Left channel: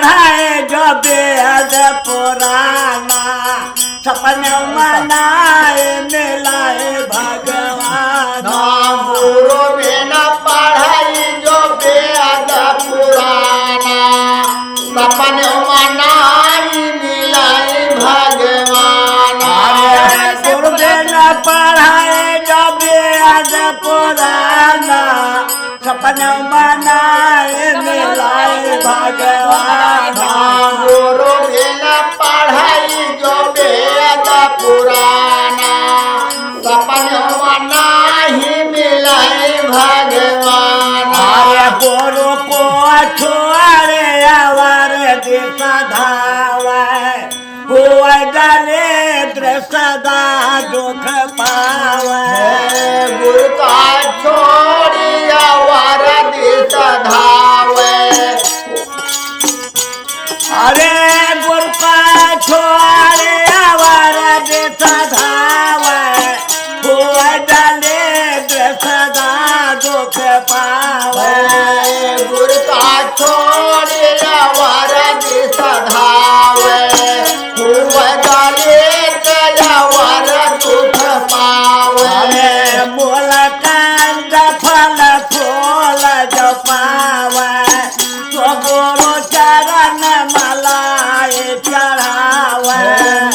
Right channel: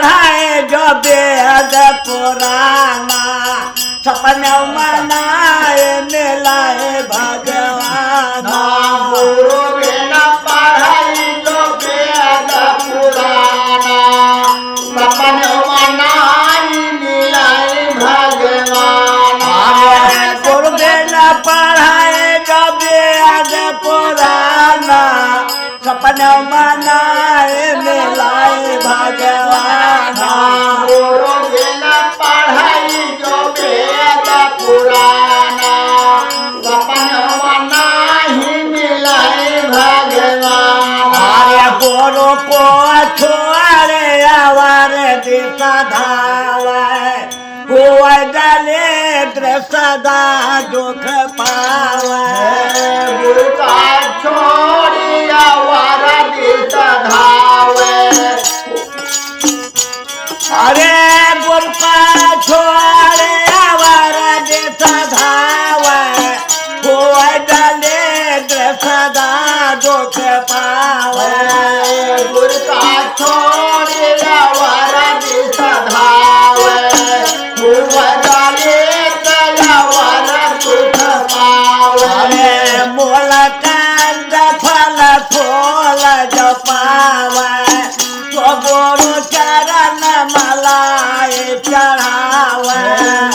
पढ़ाए जो बेहद पुराना सपने मनाए मिलाए भगवान गुरु बिना पढ़ाई जो बेहद पुराना सपन मनाई मिलाई भगवान गुरु बिना पढ़ाए जो बेहद पुराना सपने मनाए मिलाए भगवान गुरु बिना पढ़ाई जो बेहद पुराना सपन मनाही मिलाई भगवान गुरु को छोड़े आवर दिशा धावे हुआ डाले सदा दुख पावे गुरु का छोड़ी आवर दिस धावे अरे गुरु का छोड़े आवर दिशा धावे हुआ डाले सदा दुख पावे गुरु का छोड़ी आवर दिस धावे हुआ डाले आवर दुख पावे मूल कंद फल फूल जो पावे तो गुरु चरण मलाई चढ़ावे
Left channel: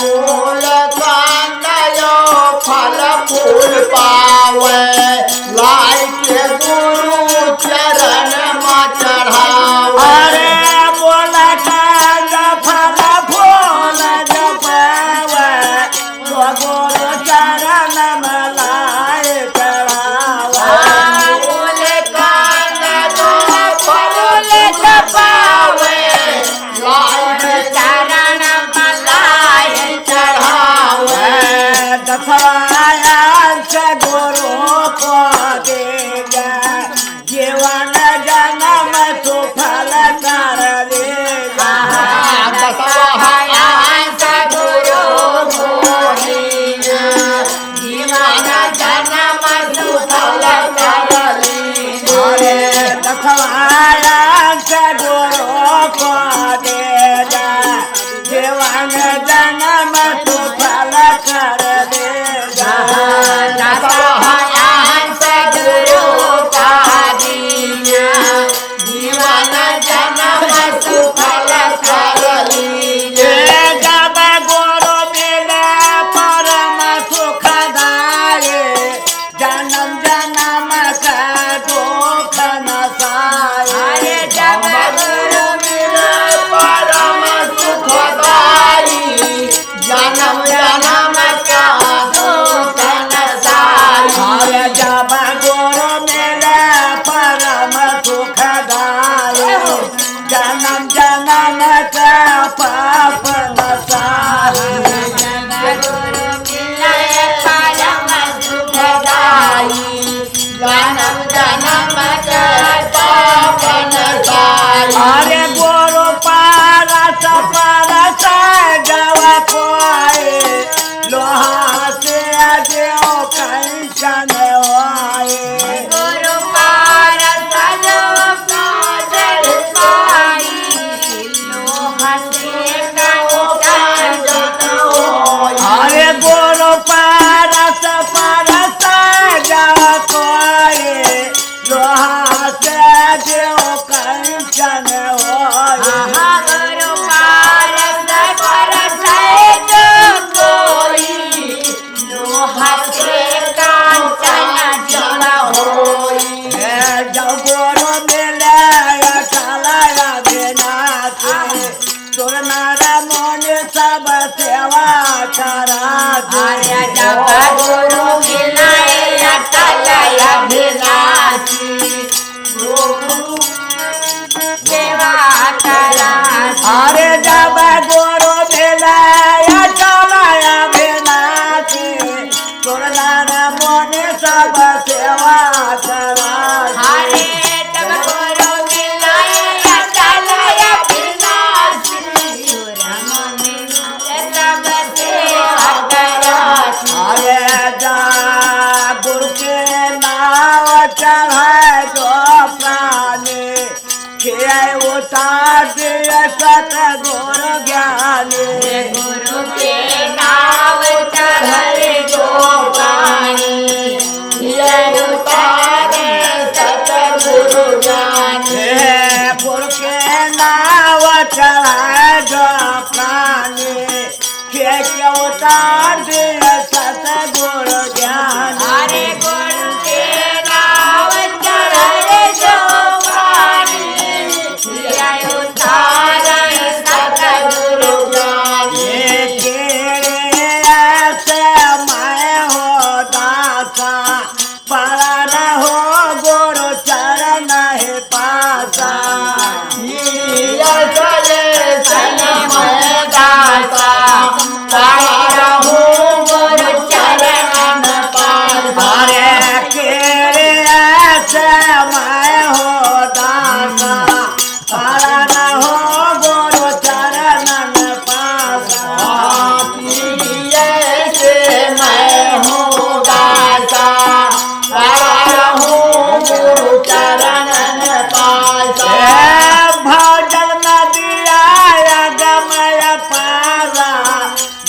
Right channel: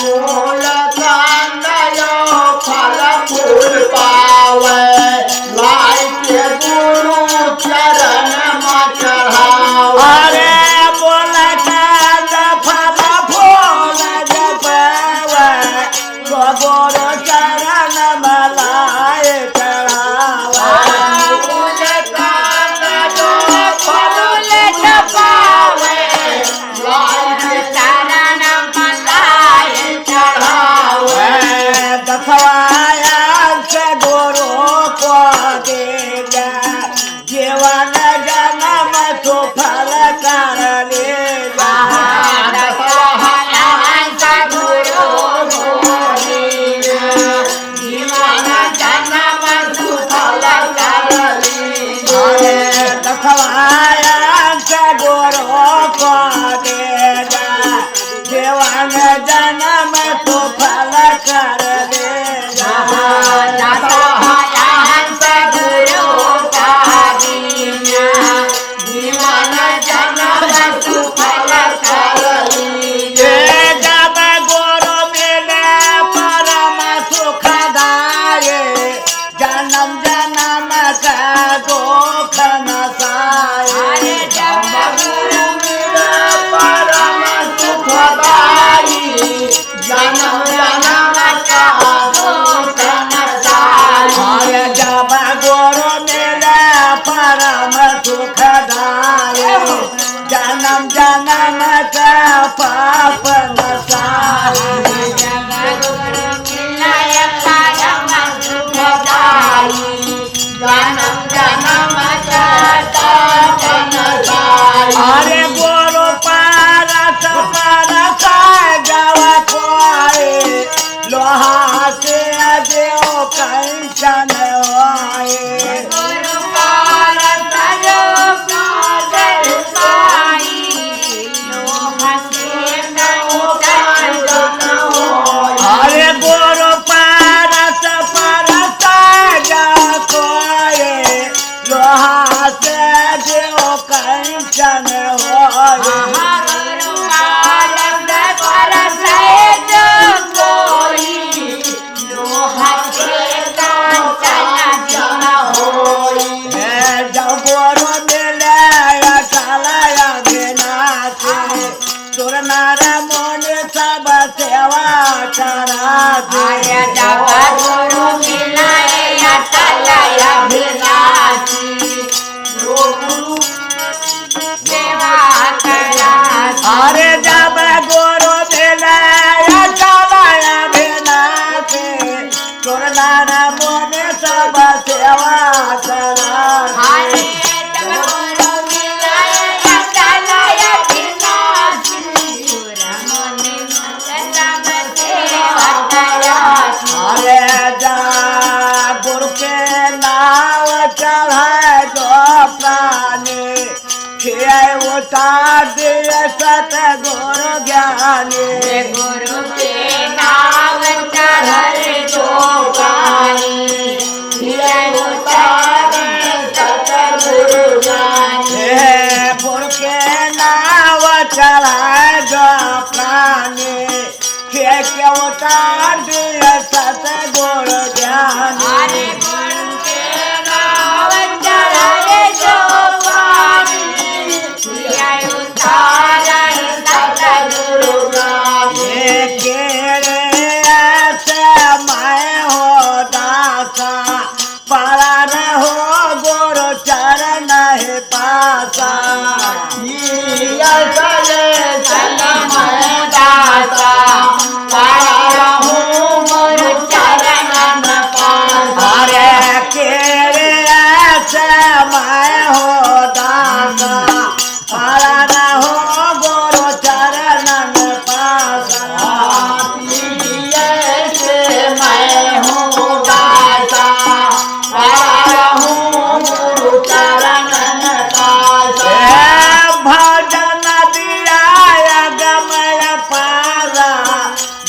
मूल कांदयो फल फूल पावे लाई के गुरु चरण में चढ़ावे अरे मूल कंद फल फूल जो पावे तो गुरु चरण मलाई चढ़ावे दसवाया से गुरु को देगा जीवन जन्म सुफल कर लेगा अरे दसवाया से गुरु को देगा जीवन जन्म सुफल कर लेगा जब गुरु मिले परम सुखदाये जन्म जन्म का दुख नसाए जन्म जन्म का दुख अरे जब गुरु मिले परम सुखदाये जन्म जन्म का पाप नसाए जन्म जन्म का पापन साई अरे गुरु पारस परस जव कोई लोहा से अजो कंचन होए अरे गुरु पारस परस जव कोई लोहा से अजो कंचन होए जब गुरु मिले अकालया विनाशी सुर नर मुनि सब सेवा करा अरे जब गुरु मिले अकालया विनाशी सुर नर मुनि सब सेवा करा अरे जा गुरु के नाव चढ़ाए जो प्राणी खेळ उतार सतगुरु ज्ञानी गुरु के नाम चढ़े जो पानी ये उतारे सतगुरु ज्ञानी पुरखे नाव चढ़ाए जो प्राणी खेल उतार सतगुरु ज्ञानी हरे गुरु के नाम चढ़े जो पानी ये उतारे सतगुरु ज्ञानी मैं हो दासा पड़ा रहो गुरु चरण है पासा अरे केरे ऐसे मैं हो दासा पड़ा रहो गुरु चरण में पासा भजन नदिया गमय पारा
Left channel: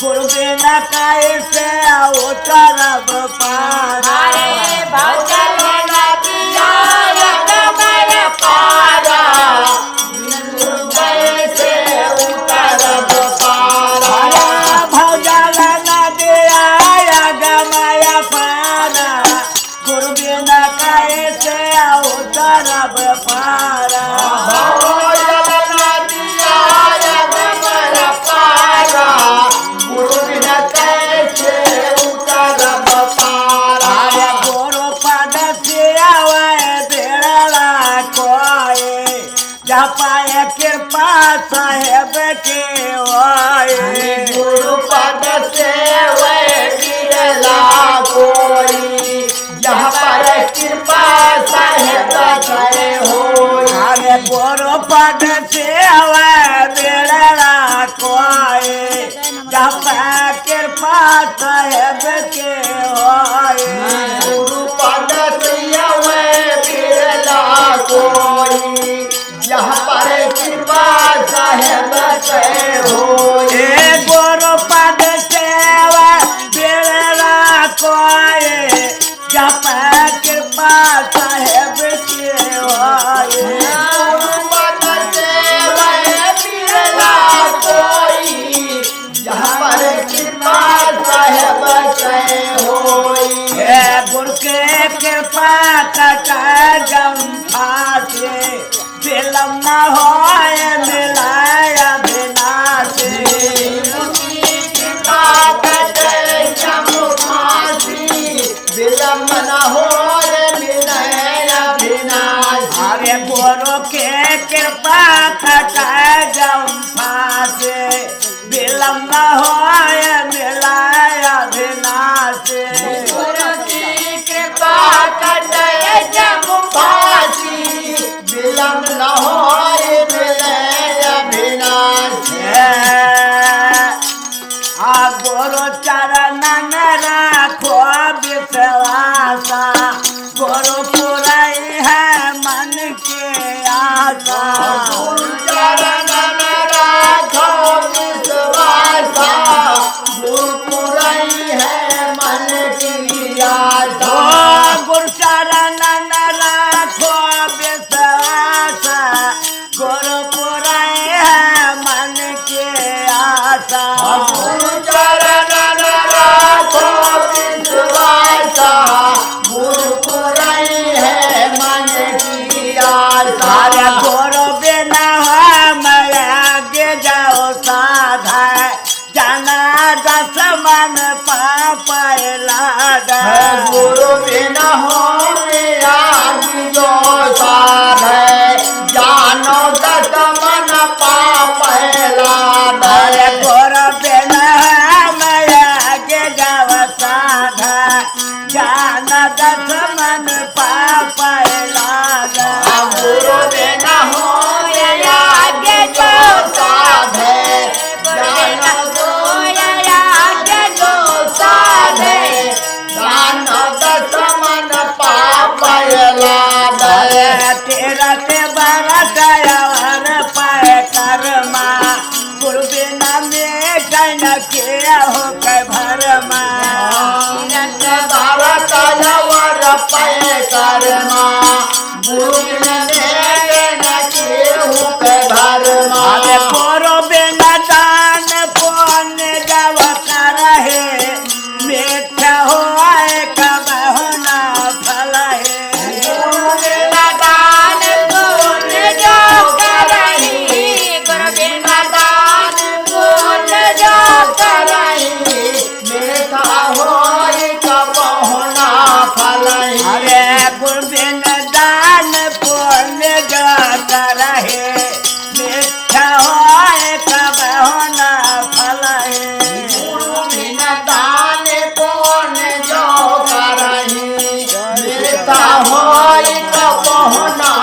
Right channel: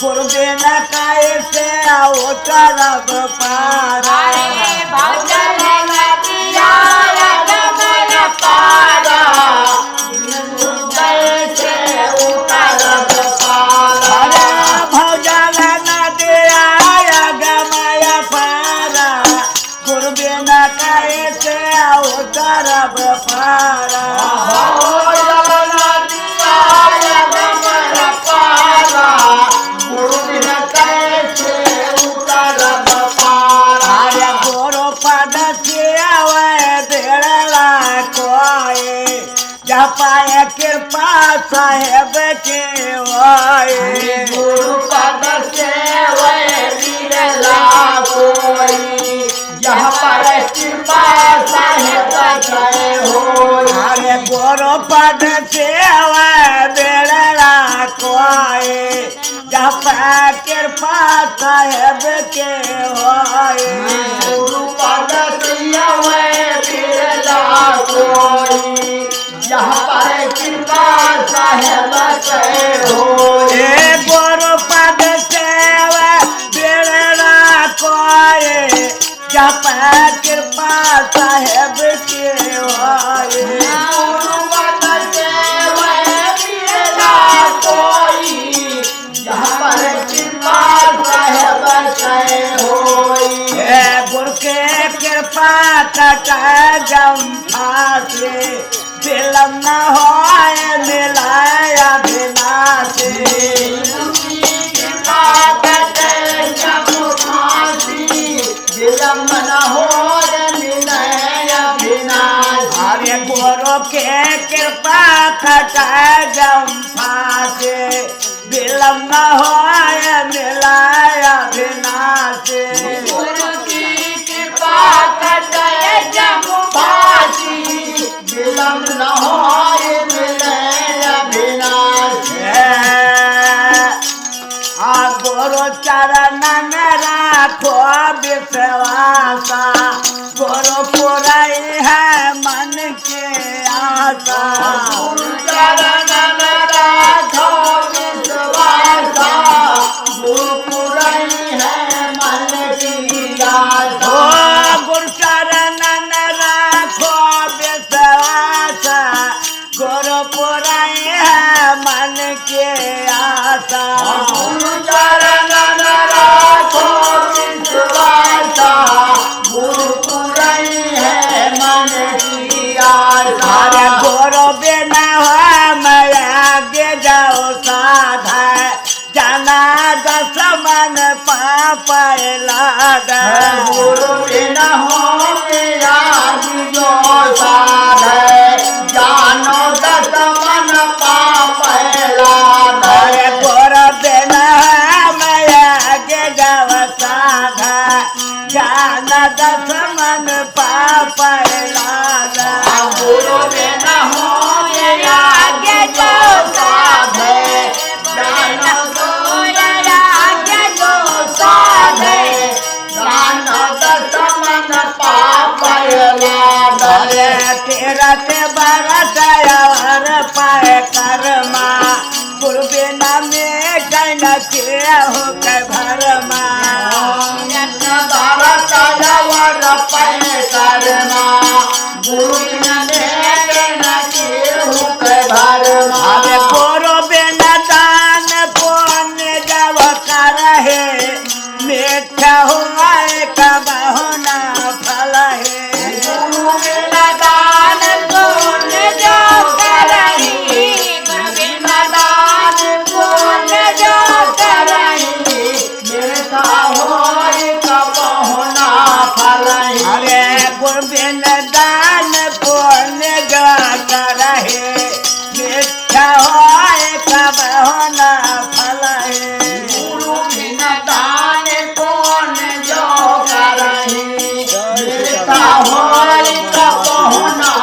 गुरु बिना कैसे उतरब पारा अरे भजन नदिया गमय पारा गुरु बिना कैसे उतरब पारा अरे गुरु पद सियावे बेड़ा कोई जपाए कृपा साहेब के होए अरे गुरु पद सियावे बेड़ा कोई जपाए कृपा साहेब के होए गुरु पद सेवा बेड़ा कोई जप कृपा साहेब के होए गुरु के कृपा कट जम फासे फिल्म न हो मिलाया बिना से अरे गुरु के कृपा कट जम फासे विलम्ब न हो मिलाया बिना से गुरु चरण राखो विश्वासा गुरु पुरई है मन के आशा गुरु चरण राखो विश्वास गुरु पुरई है मन के आशा अरे गुरु बिना मैं आगे जाओ साधा जाना दस मन पाप गुरु बिना हो मेरा जो साधे जानो दस मन पाप अरे गुरु बिना मैं आगे जाओ साधा जाना दस मन पाप गुरु बिना हो मेरा जो साधे जानो जो साधे जानो दस मन पाप अरे तेराते बाराटायावर पाय कर्मा गुरुबे नामे काय न किया हो काय भरमा भारतावर पाय कर्मा गुरुने अरे गुरुबे न दान पुण्य जब कर है मीठा हुआ एक बहुना फल है अरे गुरुबिन दान पुण्य जो करे मीठा होए कब होना फल है गुरुबिन दान पुण्य जो करहि मीठा होय कब होना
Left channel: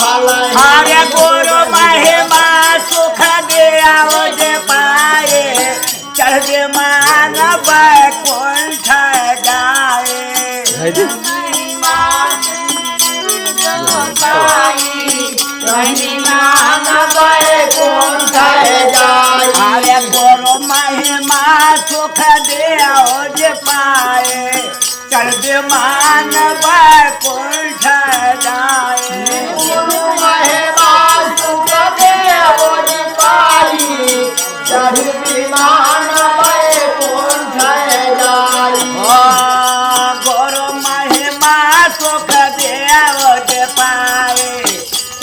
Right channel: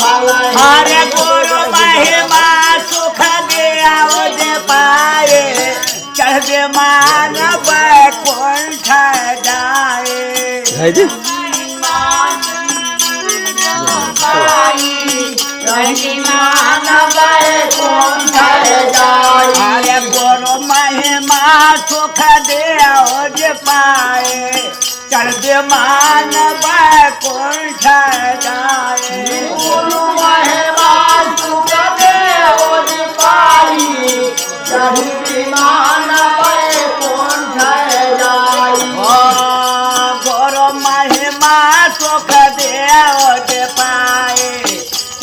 फल अरे गुरु महिमा सुख दिया दे पाए चढ़ दे मान बैकुंठ जाए अरे गुरु महिमा सुख दे पाए चढ़ दे मान बैकुंठ जाए महिमा सुख दे पाई चढ़ी विमान बैकुंठ जाई गुरु महिमा सुख दे पाए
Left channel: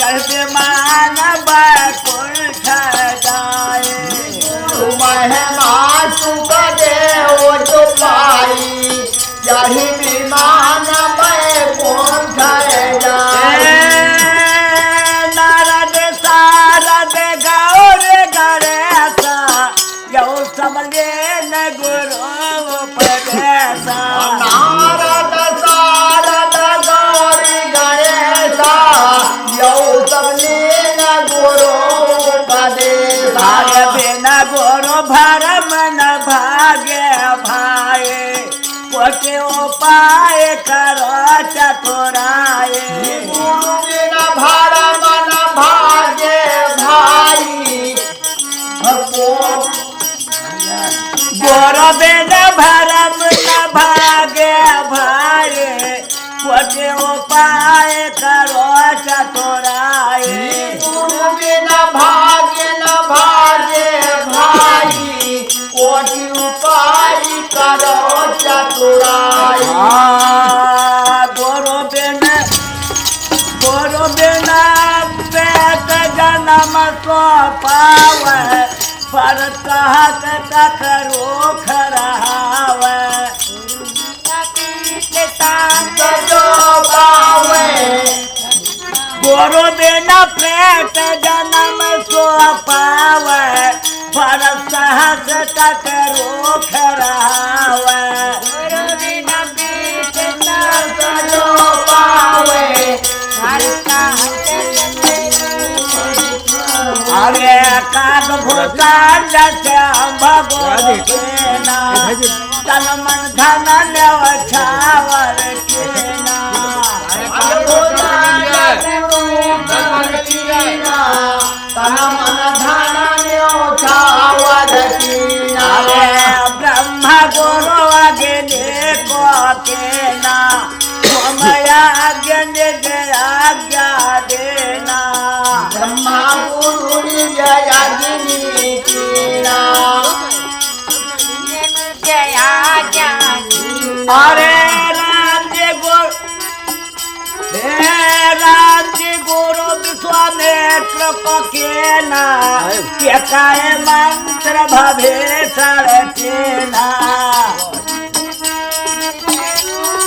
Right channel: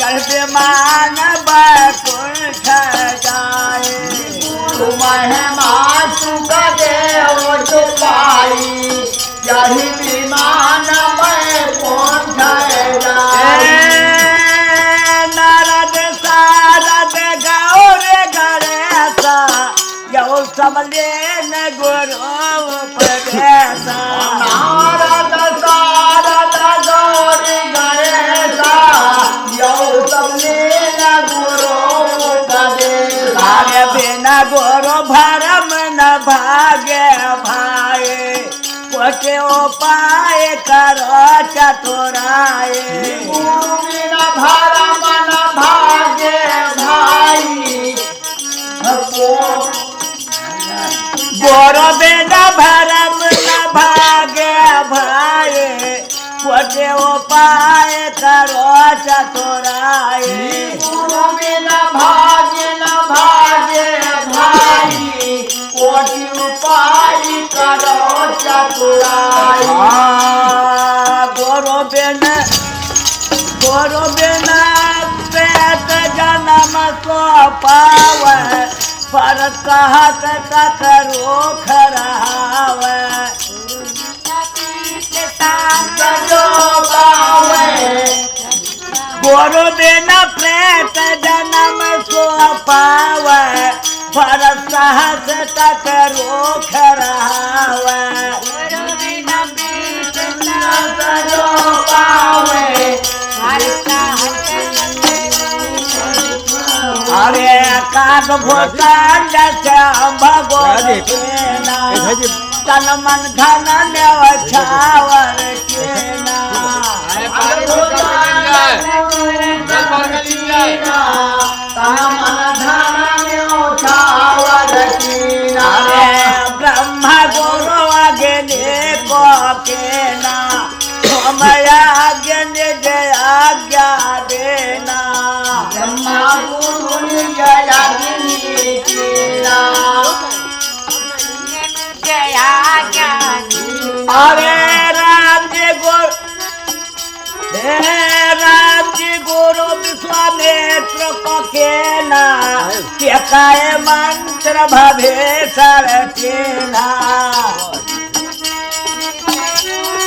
चढ़ दे मान बैकुंठ जाए महिमा सुख दे पाई चढ़ी विमान बैकुंठ जाई नारद सारद गौर गणेशा यौ सबले न गुरु उपदेशा नारद सारद गौर गणेशा यौ सबले न गुरु उपदेशा अरे बिना गुरु भरम न भागे भाई कोटे उपाय करो चतुराए गुरु बिना भरम न भागे भाई गुरु बिना भरम न भागे भाई कोटे उपाय करो चतुराए गुरु बिना भागे न भागे भाई कोटि उपाय करो चतुराई गुरु बिना पेट जन्म सो पावे पर कहत करो खरावे गुरु बिना पेट जन्म सो पावे पर सहत करो खरावे अरे काग भूषण जैसे भगवान के नाम तन मन धन न्यौछावर के अरे ब्रह्मा गुरु अग्नि को के ना मया अग्नि जय आज्ञा देना ब्रह्मा गुरु जय अरे राम जी गुरु विश्वामित्र को केना काय मंत्र भवेशर केना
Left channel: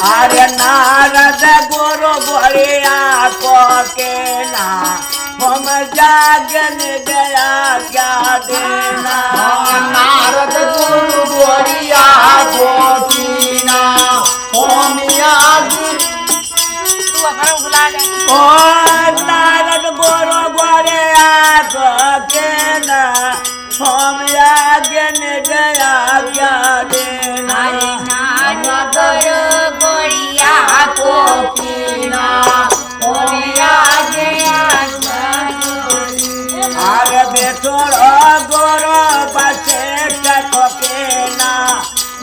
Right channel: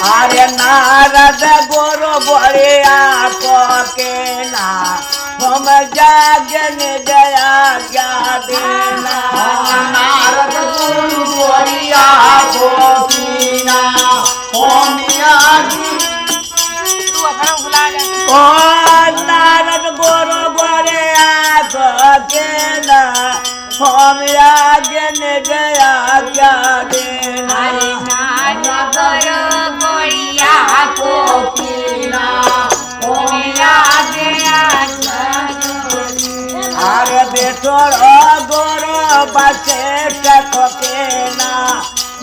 अरे नारद गुरु बोलिया को केना हम जागन जया क्या देना नारद गुरु बोलिया गोपीना होमिया ओ नारद गुरु बोलिया को केना हम जागन जया क्या देना गोपिना होमिया श्रेष्ठ को कहना,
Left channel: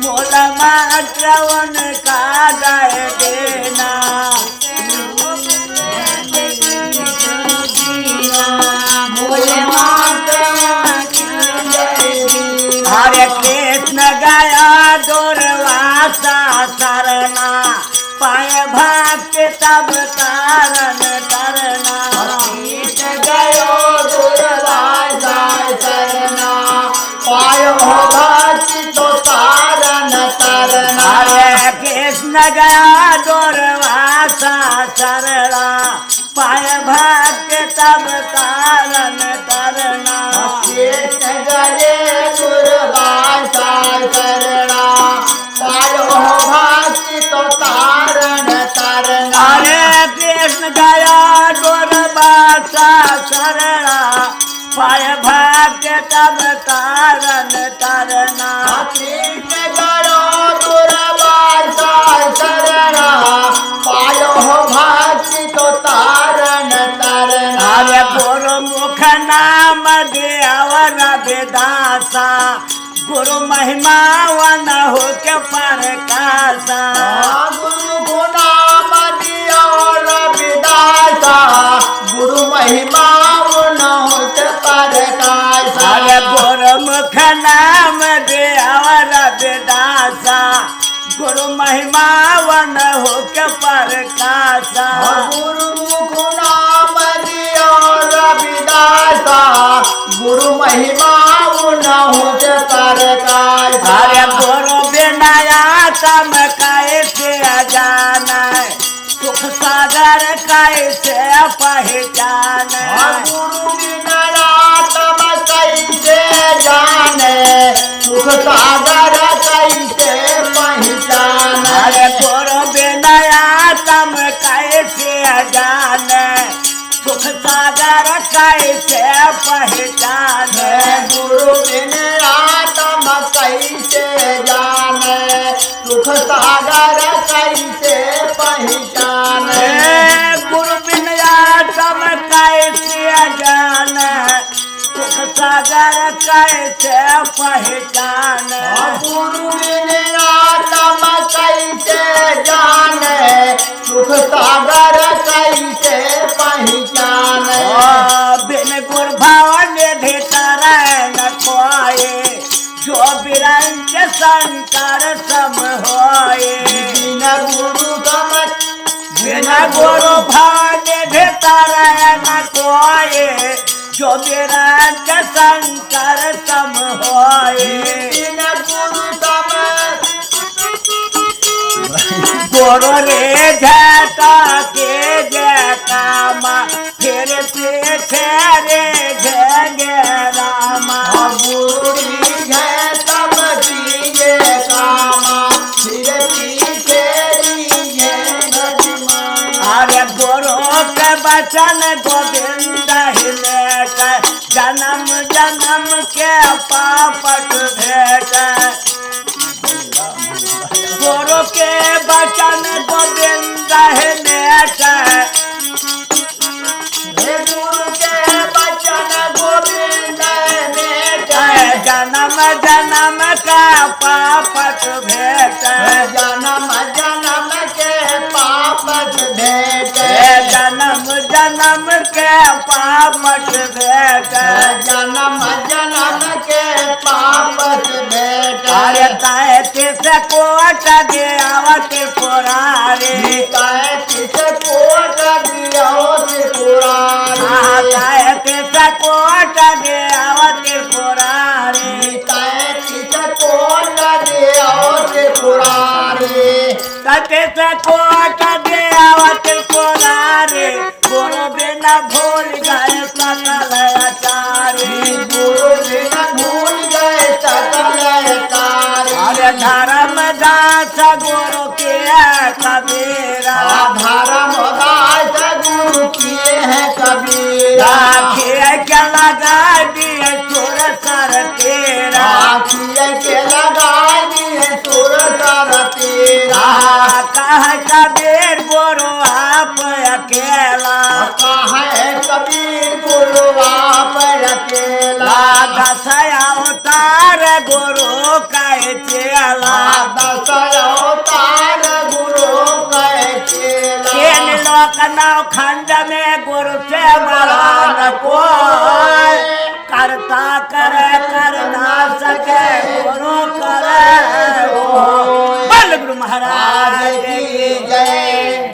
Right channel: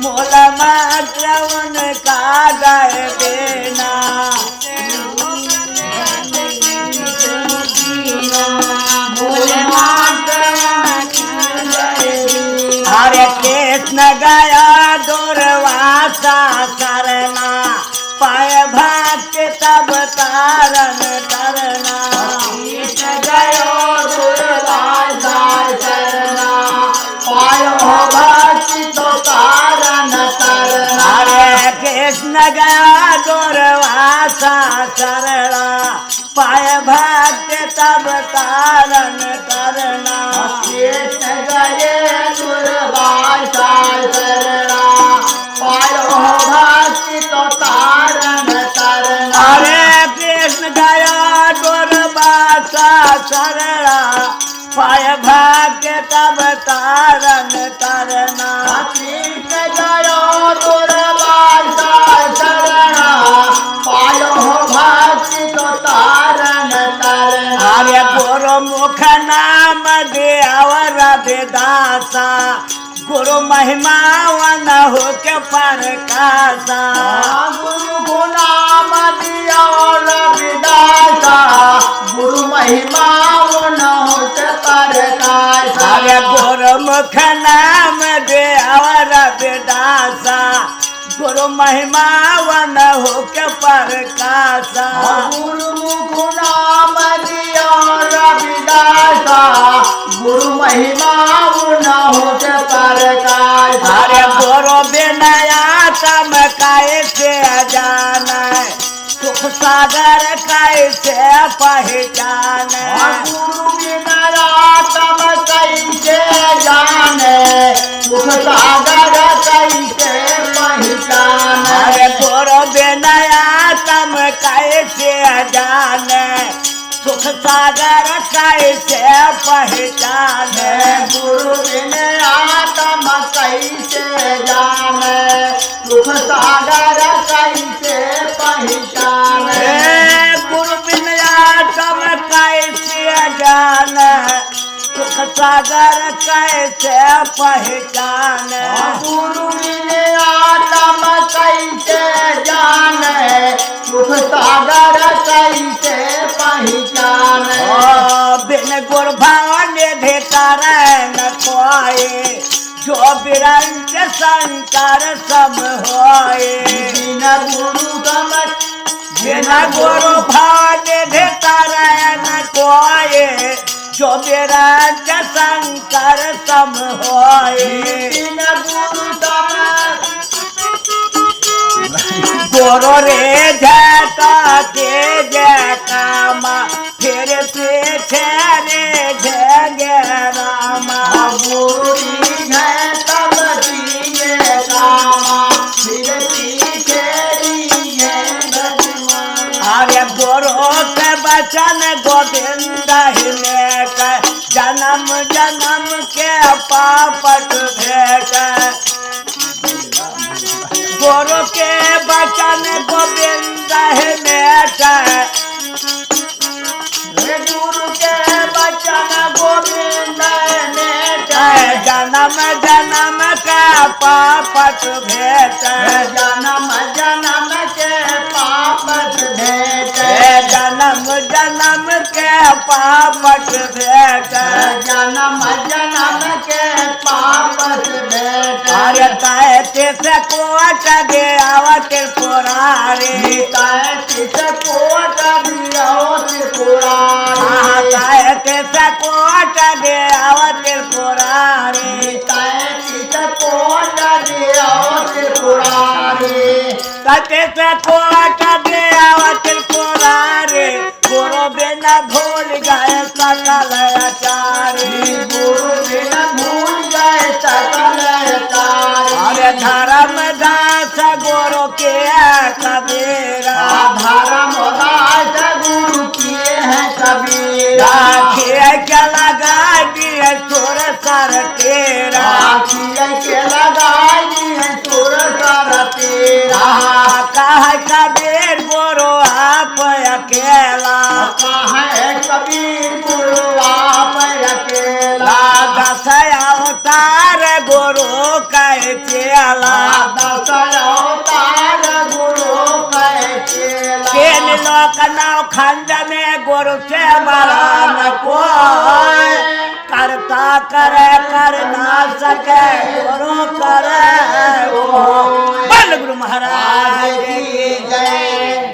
मोल मात्र उनका दय देना। हरे कृष्ण गया दुर्वासा शरणा, पाय भक्ति तब तारण तरना। गयो दुर्वासा शरणा, पायो भक्ति तो तारण तरना। हरे कृष्ण गया दुर्वासा शरणा, पाय भक्ति तब तारण तरना। कृष्ण गये दुर्वासा शरणा, पायो भक्ति तो तारण तरना। हरे कृष्ण गया दुर्वासा शरणा, पाय भक्ति तब तारण तरना। कृष्ण गयो दुर्वासा शरणा, पायो भक्ति तो तारण तरना। हरे गुरु मुख नाम देव रविदासा, गुरु महिमा वन हो के प्रकाशा। गुरु गुनाम दिया रविदासा, गुरु महिमा न होते प्रकाशा। हरे गुरु मुख नाम देव रविदासा, गुरु महिमा वन हो के प्रकाशा। गुरु गुनाम दिया रविदासा, गुरु महिमा न होते प्रकाशा। हरे गुरु बिनाया तम कैसे जाना, सुख सागर कैसे पहचान। गुरु बिना रातम कैसे जाने, सुख सागर कैसे पहचान। हरे गुरु बिनाया तम कैसे जान, सुख सागर कैसे पहचान। गुरु बिना रातम कैसे जाने, सुख सागर कैसे पहचान। गुरु बिनाया तम कैसे जान, सुख सागर कैसे पहचान। गुरु बिना रातम कैसे जाने, सुख सागर कैसे पहचान। बिन गुरु भाव निधि तारण कोये, जो बिरंज शंकर सम होए। बिना गुरु समझ बिन गुरु भाव निधि तारण कोये, जो बिरंज शंकर सम होए। बिना गुरु समझ गुरु रे जाता तेज कामा, फिर पीछे रे जय रामा। गुरु है तब दिए कामा, फिर पीछे दिए भगवान। अरे गुरु के वचन गोविंद ही लेकर, जन्म जन्म के पापट भेट। गुरु के वचन गोविंद ही लेकर, गुरु के वचन गोविंद जन्म जन्म का पापट भेट। जन्म जन्म के पापत भेट। जन्म जन्म के पापट भेट। जन्म जन्म के पापत भेट। अरे ताए तिस कोट दे आवत पुरारे, ताए तिस कोट दियो त्रिपुरारी। ताए तिस कोट दे आवत पुरारे, ताए तिस कोट दियो त्रिपुरारी। तिस कोट दे आवत पुरारे, गुरु बिना भूल गए सकल आचार्य। गुरु बिना भूल गए सकल आचार्य। अरे धर्म दास गुरु के कबीरा, धर्म दास गुरु किए हैं कबीरा। राखिए के लगा दिए सुर सर तेरा, राखिए के लगा दिए सुर सर तेरा। कह कबीर गुरु आप अकेला, कहे कबीर गुरु आप अकेला। दस आओ अवतार गुरु काय चेला दशवतार गुरु कैचेला तीन लोक नाव खंड में गुरु से बड़ा न कोई करता करे कर ना सके गुरु करे वो। बोल गुरु महाराज की जय।